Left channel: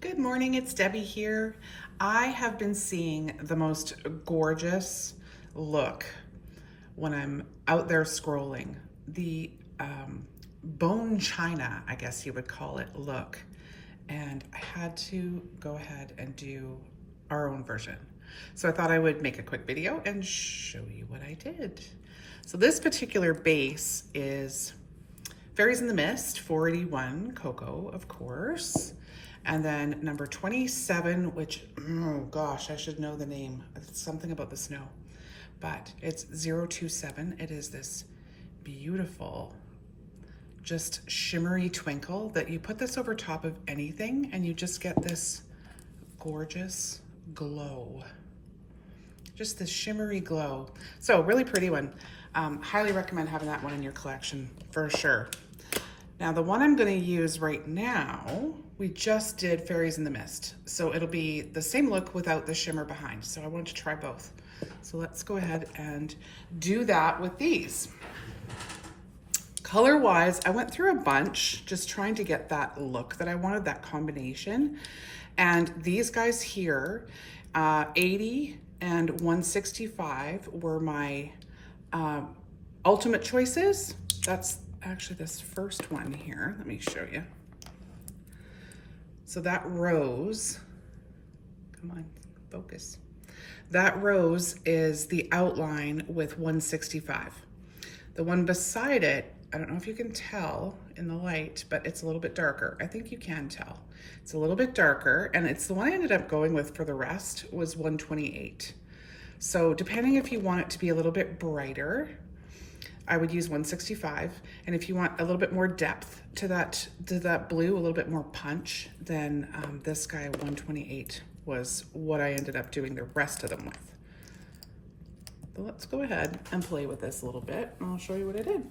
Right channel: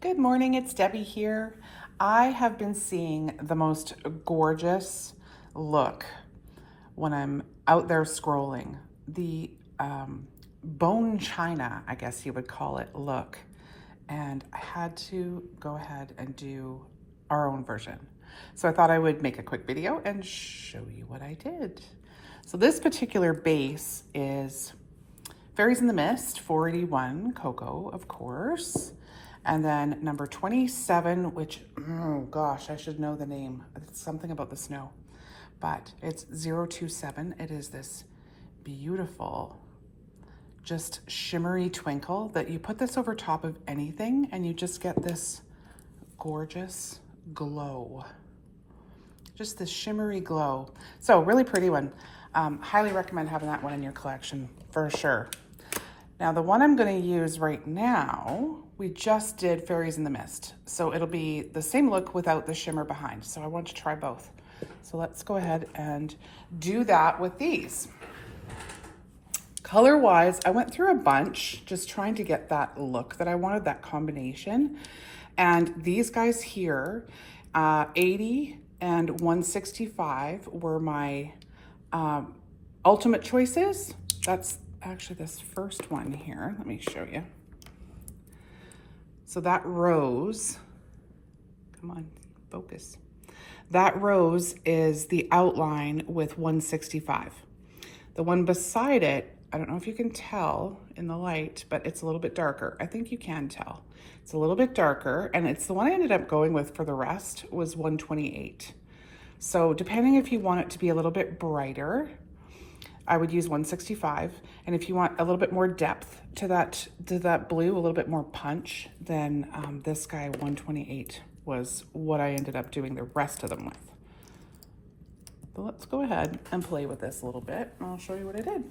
Good morning, it's Debbie here. I have been seeing the most gorgeous look when I'm out there scrolling. The bone china, I guess you would call it, look. And I had to go ahead and do our own version. So I thought I would make a quick video and show you what I did. So this particular base is Fairies in the Mist, 481 Cocoa, of course. And then number 27, which, oh gosh, I should know the name. It's something about the snow, but it's 027. It is this beautiful, just shimmery twinkle that you put this over top of anything and you just get this gorgeous glow. Just this shimmery glow. So really pretty one. Highly recommend having that one in your collection for sure. Now the one I'm going to use right now, we just did Fairies in the Mist. So it'll be the same look without the shimmer behind. So I want to try both. So let's go ahead and do that with these. Color-wise, I went through a bunch just trying to get that look that I wanted, that combination. And these guys here, 80 and 165 were my ultimate choices. That's actually this first one here. Let me show you. So that rose, come on, focus. That rose is the outline with 165. The one beside it, I don't know if you can tell in the light, but it's a little bit darker. I think you can tell. It's a little bit darker, and it's the one I ended up going with for the rest was 128. So depending if you want it to be a little bit brighter, I would use 165. And if you want a little bit more depth to that blue, a little bit more punch, then this guy 128 was what I ended up doing the rest of them with. So let's go ahead and play with this a little bit and I'll show you what I did.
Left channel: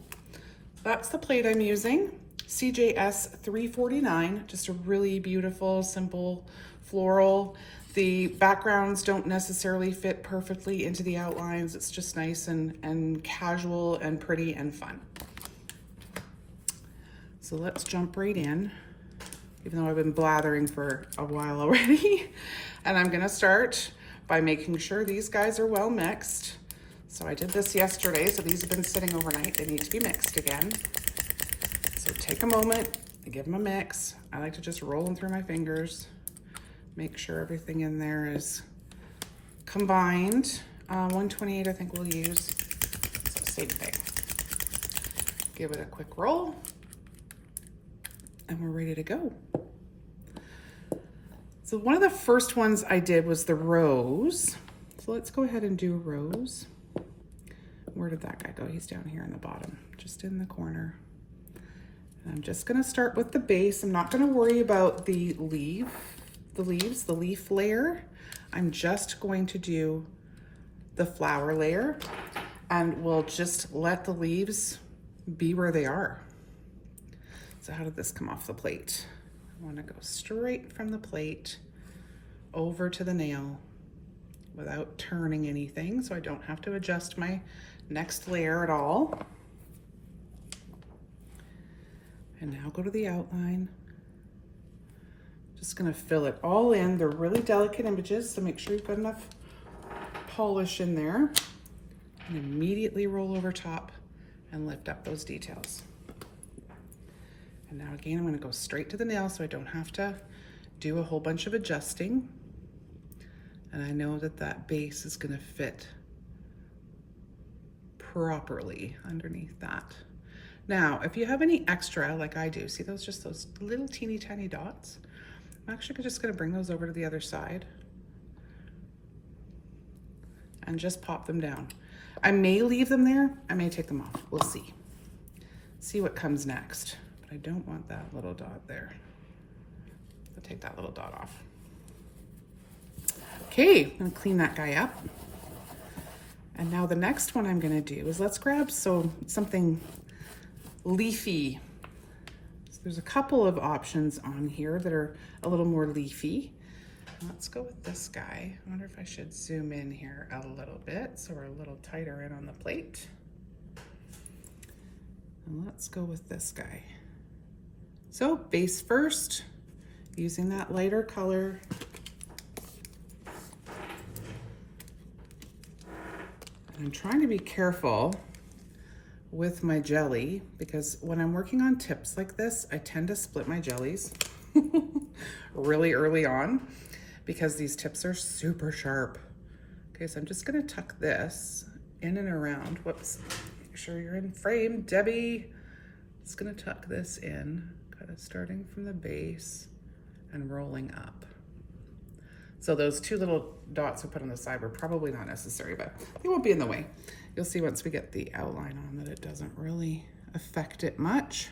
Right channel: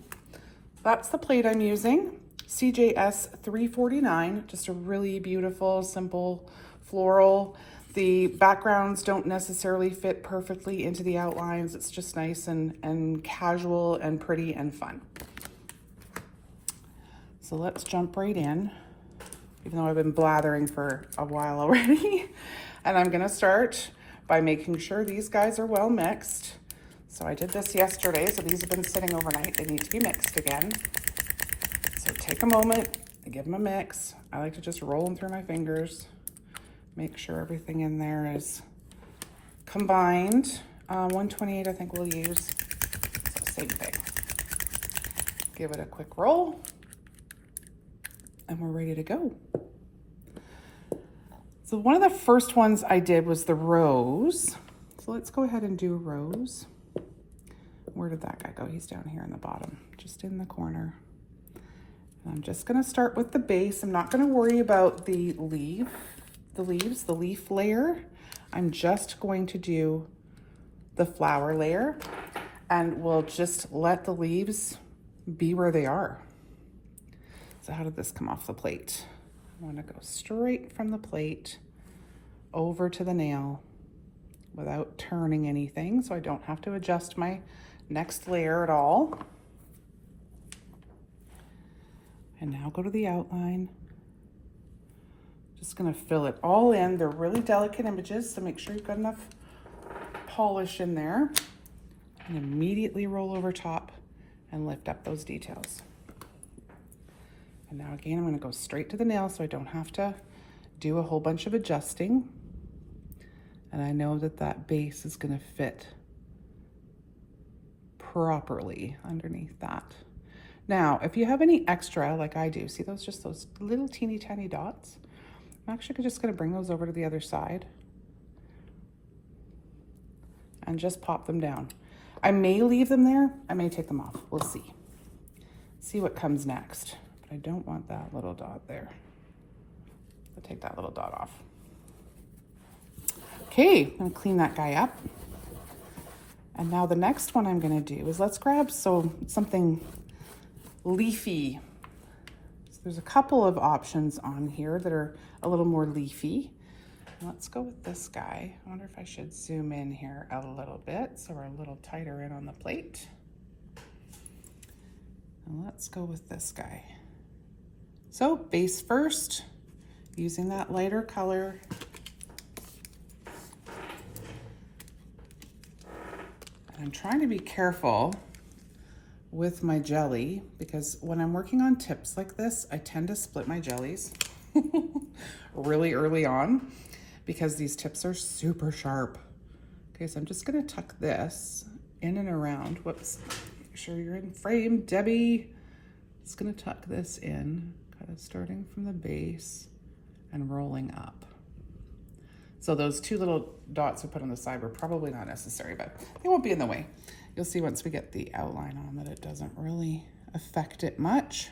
That's the plate I'm using, CJS 349, just a really beautiful, simple floral. The backgrounds don't necessarily fit perfectly into the outlines. It's just nice and casual and pretty and fun. So let's jump right in, even though I've been blathering for a while already. And I'm gonna start by making sure these guys are well mixed. So I did this yesterday, so these have been sitting overnight. They need to be mixed again. So take a moment and give them a mix. I like to just roll them through my fingers. Make sure everything in there is combined. 128 I think we'll use, so same thing. Give it a quick roll and we're ready to go. So one of the first ones I did was the rose. So let's go ahead and do rose. Where did that guy go? He's down here in the bottom, just in the corner. And I'm just gonna start with the base. I'm not gonna worry about the leaf layer. I'm just going to do the flower layer and we'll just let the leaves be where they are. So how did this come off the plate? I want to go straight from the plate over to the nail without turning anything, so I don't have to adjust my next layer at all. And now go to the outline. Just gonna fill it all in. They're really delicate images, so make sure you've got enough polish in there. And immediately roll over top and lift up those details. And now again, I'm gonna go straight to the nail so I don't have to do a whole bunch of adjusting. And I know that that base is gonna fit properly underneath that. Now, if you have any extra, like I do, see those, just those little teeny tiny dots? I'm actually just gonna bring those over to the other side and just pop them down. I may leave them there, I may take them off, we'll see. See what comes next, but I don't want that little dot there. I'll take that little dot off. Okay, I'm gonna clean that guy up. And now the next one I'm gonna do is let's grab something leafy. There's a couple of options on here that are a little more leafy. Let's go with this guy. I wonder if I should zoom in here a little bit so we're a little tighter in on the plate. And let's go with this guy. So base first, using that lighter color. I'm trying to be careful with my jelly because when I'm working on tips like this, I tend to split my jellies really early on because these tips are super sharp. Okay, so I'm just gonna tuck this in and around. Whoops, make sure you're in frame, Debbie. Just gonna tuck this in, kind of starting from the base and rolling up. So those two little dots we put on the side were probably not necessary, but they won't be in the way. You'll see once we get the outline on that it doesn't really affect it much.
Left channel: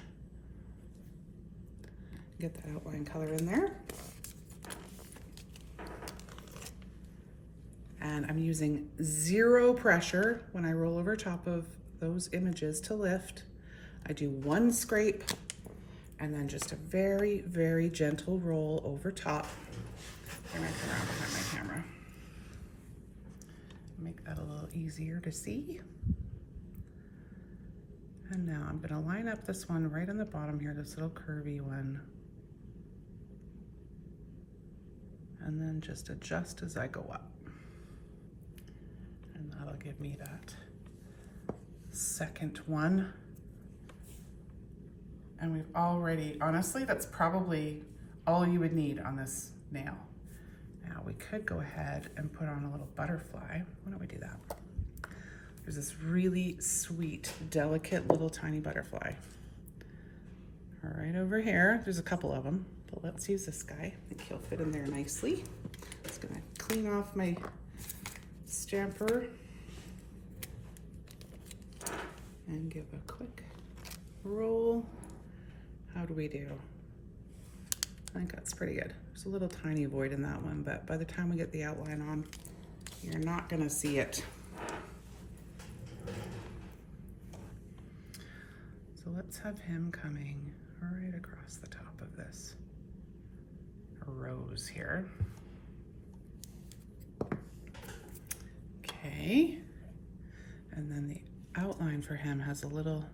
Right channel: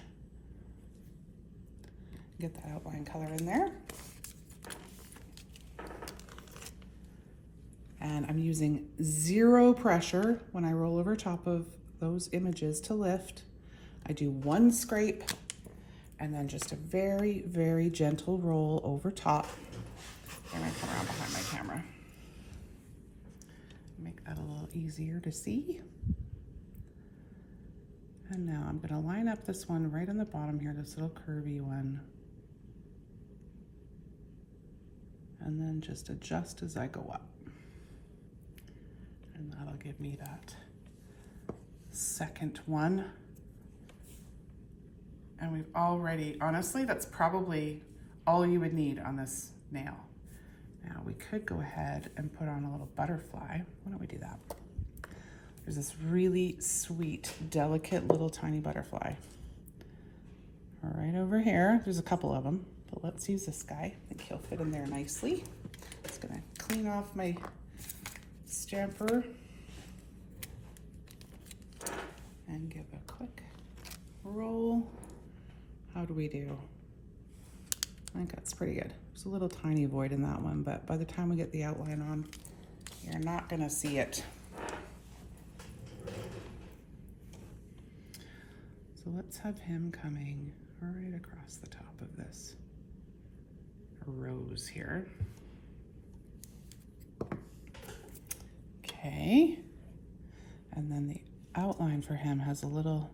Get that outline color in there. And I'm using zero pressure when I roll over top of those images to lift. I do one scrape and then just a very, very gentle roll over top. I'm gonna come around behind my camera. Make that a little easier to see. And now I'm gonna line up this one right on the bottom here, this little curvy one. And then just adjust as I go up. And that'll give me that second one. And we've already, honestly, that's probably all you would need on this nail. Now we could go ahead and put on a little butterfly. Why don't we do that? There's this really sweet, delicate little tiny butterfly. Right over here, there's a couple of them, but let's use this guy. I think he'll fit in there nicely. Just gonna clean off my stamper and give a quick roll. How do we do? I think that's pretty good. There's a little tiny void in that one, but by the time we get the outline on, you're not gonna see it. So let's have him coming right across the top of this rose here. Okay, and then the outline for him has a little,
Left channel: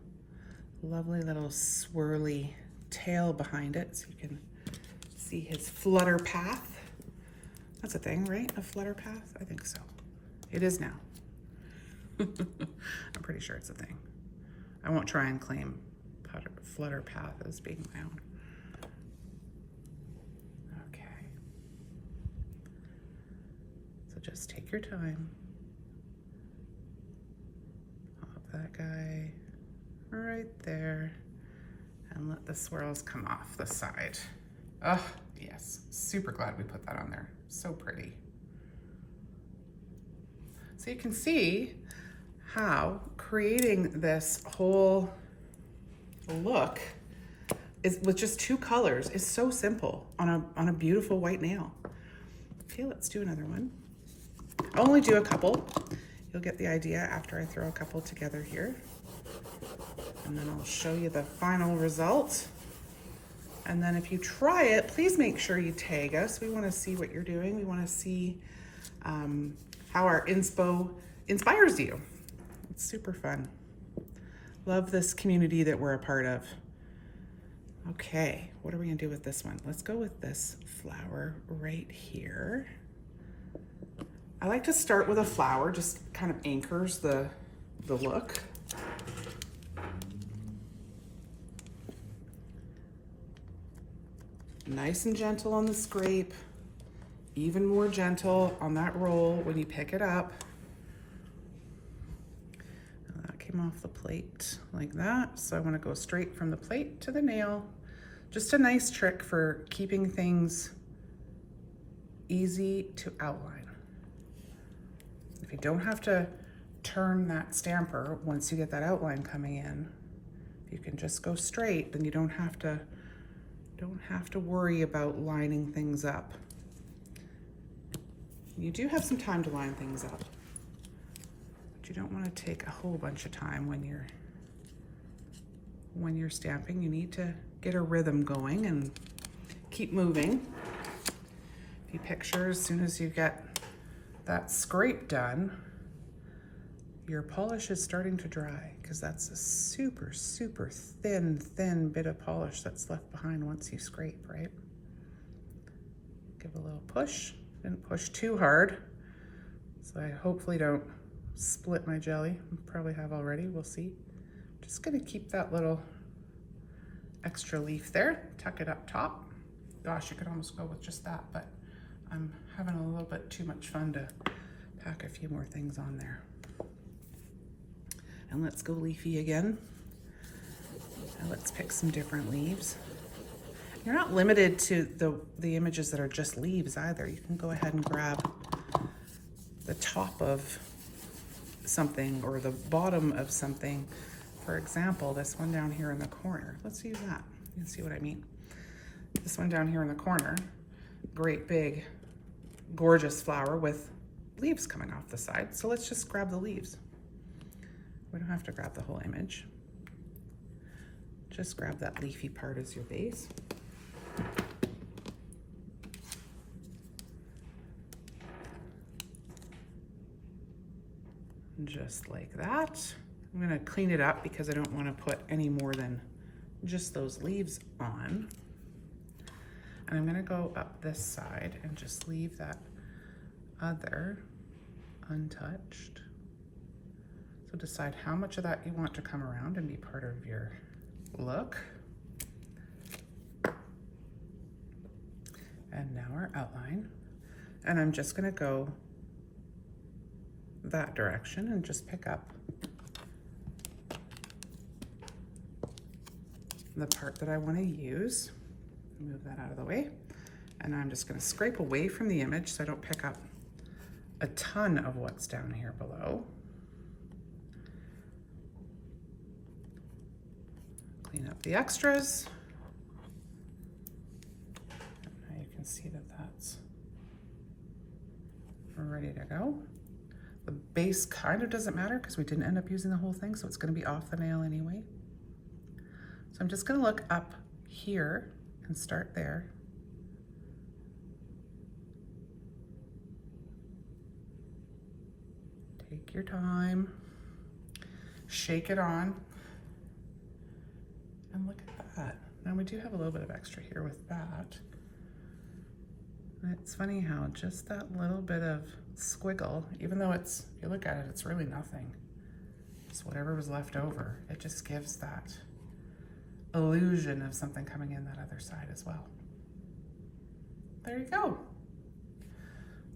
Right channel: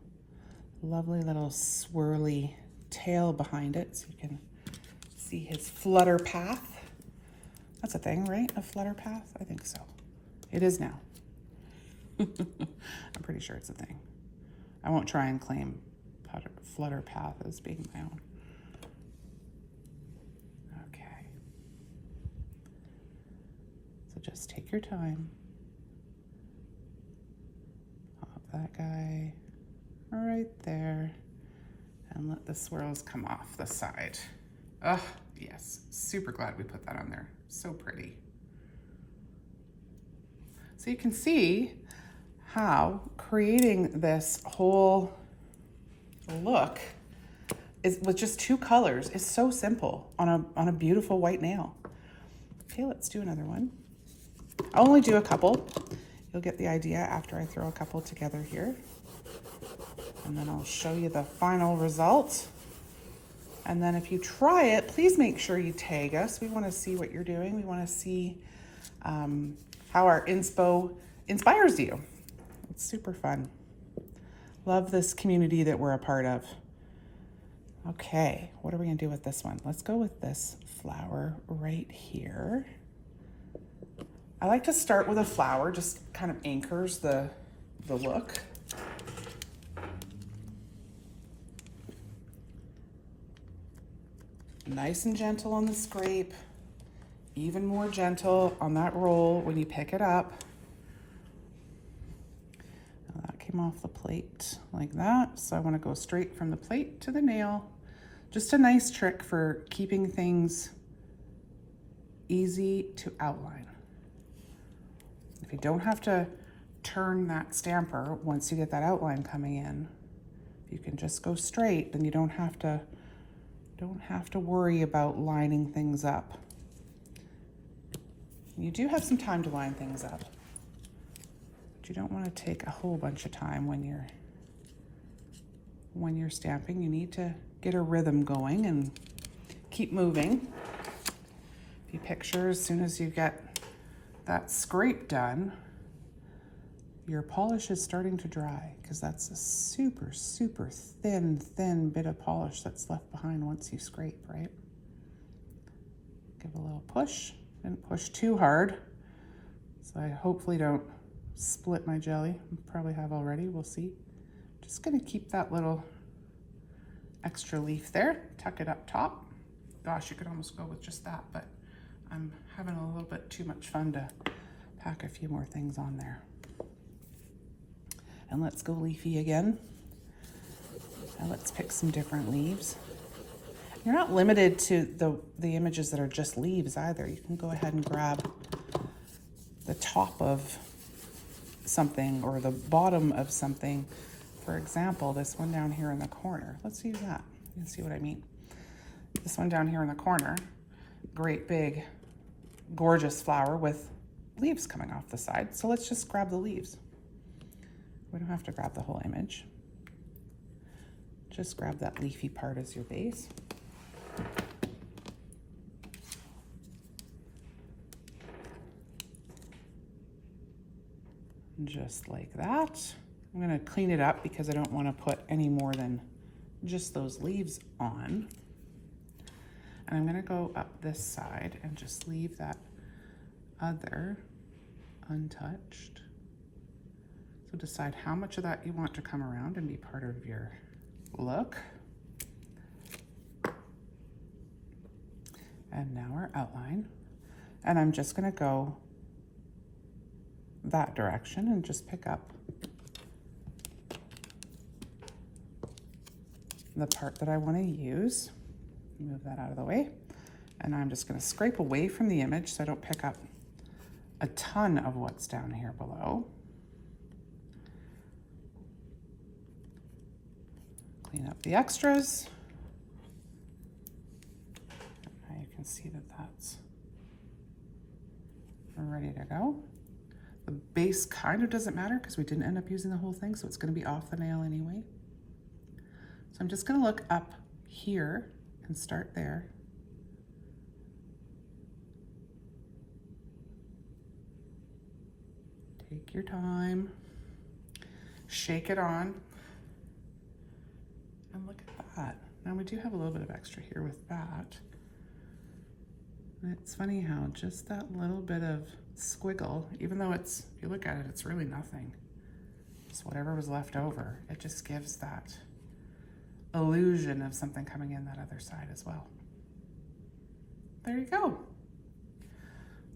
lovely little swirly tail behind it, so you can see his flutter path. That's a thing, right? A flutter path? I think so. It is now. I'm pretty sure it's a thing. I won't try and claim flutter path as being my own. Okay. So just take your time. Pop that guy right there and let the swirls come off the side. Oh, yes, super glad we put that on there. So pretty. So you can see how creating this whole look is with just two colors is so simple on a beautiful white nail. Okay, let's do another one. I'll only do a couple. You'll get the idea after I throw a couple together here. And then I'll show you the final result. And then if you try it, please make sure you tag us. We want to see what you're doing. We want to see how our inspo inspires you. It's super fun. Love this community that we're a part of. Okay, what are we gonna do with this one? Let's go with this flower right here. I like to start with a flower, just kind of anchors the look. Nice and gentle on the scrape, even more gentle on that roll when you pick it up. Now that came off the plate like that, so I want to go straight from the plate to the nail. Just a nice trick for keeping things easy to outline. If you don't have to turn that stamper once you get that outline coming in, if you can just go straight, then you don't have to worry about lining things up. You do have some time to line things up, but you don't want to take a whole bunch of time when you're stamping. You need to get a rhythm going and keep moving. If you picture, as soon as you get that scrape done, your polish is starting to dry, because that's a super, super thin bit of polish that's left behind once you scrape, right? little push. Didn't push too hard, so I hopefully don't split my jelly. Probably have already, we'll see. Just gonna keep that little extra leaf there, tuck it up top. Gosh, you could almost go with just that, but I'm having a little bit too much fun to pack a few more things on there. And let's go leafy again. Now let's pick some different leaves. You're not limited to the images that are just leaves either. You can go ahead and grab the top of something or the bottom of something. For example, this one down here in the corner. Let's use that. You can see what I mean. This one down here in the corner, great big, gorgeous flower with leaves coming off the side. So let's just grab the leaves. We don't have to grab the whole image. Just grab that leafy part as your base. Just like that. I'm gonna clean it up because I don't want to put any more than just those leaves on. And I'm gonna go up this side and just leave that other untouched. So decide how much of that you want to come around and be part of your look. And now our outline. And I'm just gonna go that direction and just pick up the part that I want to use. Move that out of the way. And I'm just going to scrape away from the image so I don't pick up a ton of what's down here below. Clean up the extras. Now you can see that that's ready to go. The base kind of doesn't matter because we didn't end up using the whole thing, so it's going to be off the nail anyway. So I'm just going to look up here and start there. Take your time, shake it on, and look at that. Now we do have a little bit of extra here with that. It's funny how just that little bit of squiggle, even though it's, if you look at it, it's really nothing. It's whatever was left over. It just gives that illusion of something coming in that other side as well. There you go.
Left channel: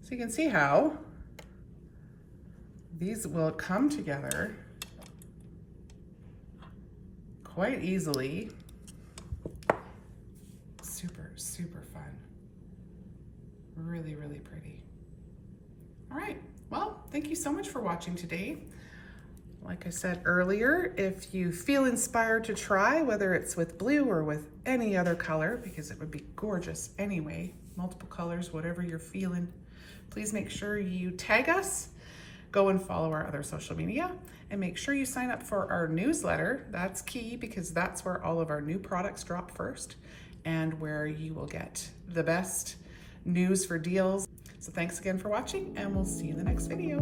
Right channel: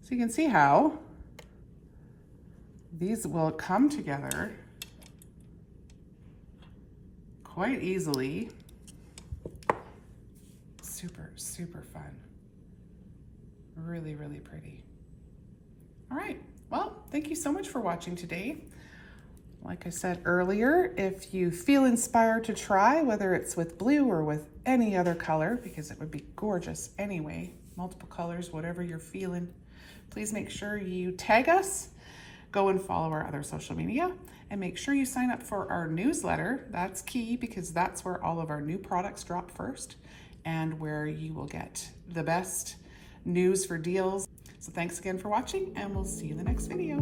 So you can see how these will come together quite easily. Super, super fun. Really, really pretty. All right, well, thank you so much for watching today. Like I said earlier, if you feel inspired to try, whether it's with blue or with any other color, because it would be gorgeous anyway, multiple colors, whatever you're feeling, please make sure you tag us, go and follow our other social media, and make sure you sign up for our newsletter. That's key because that's where all of our new products drop first and where you will get the best news for deals. So thanks again for watching, and we'll see you in the next video.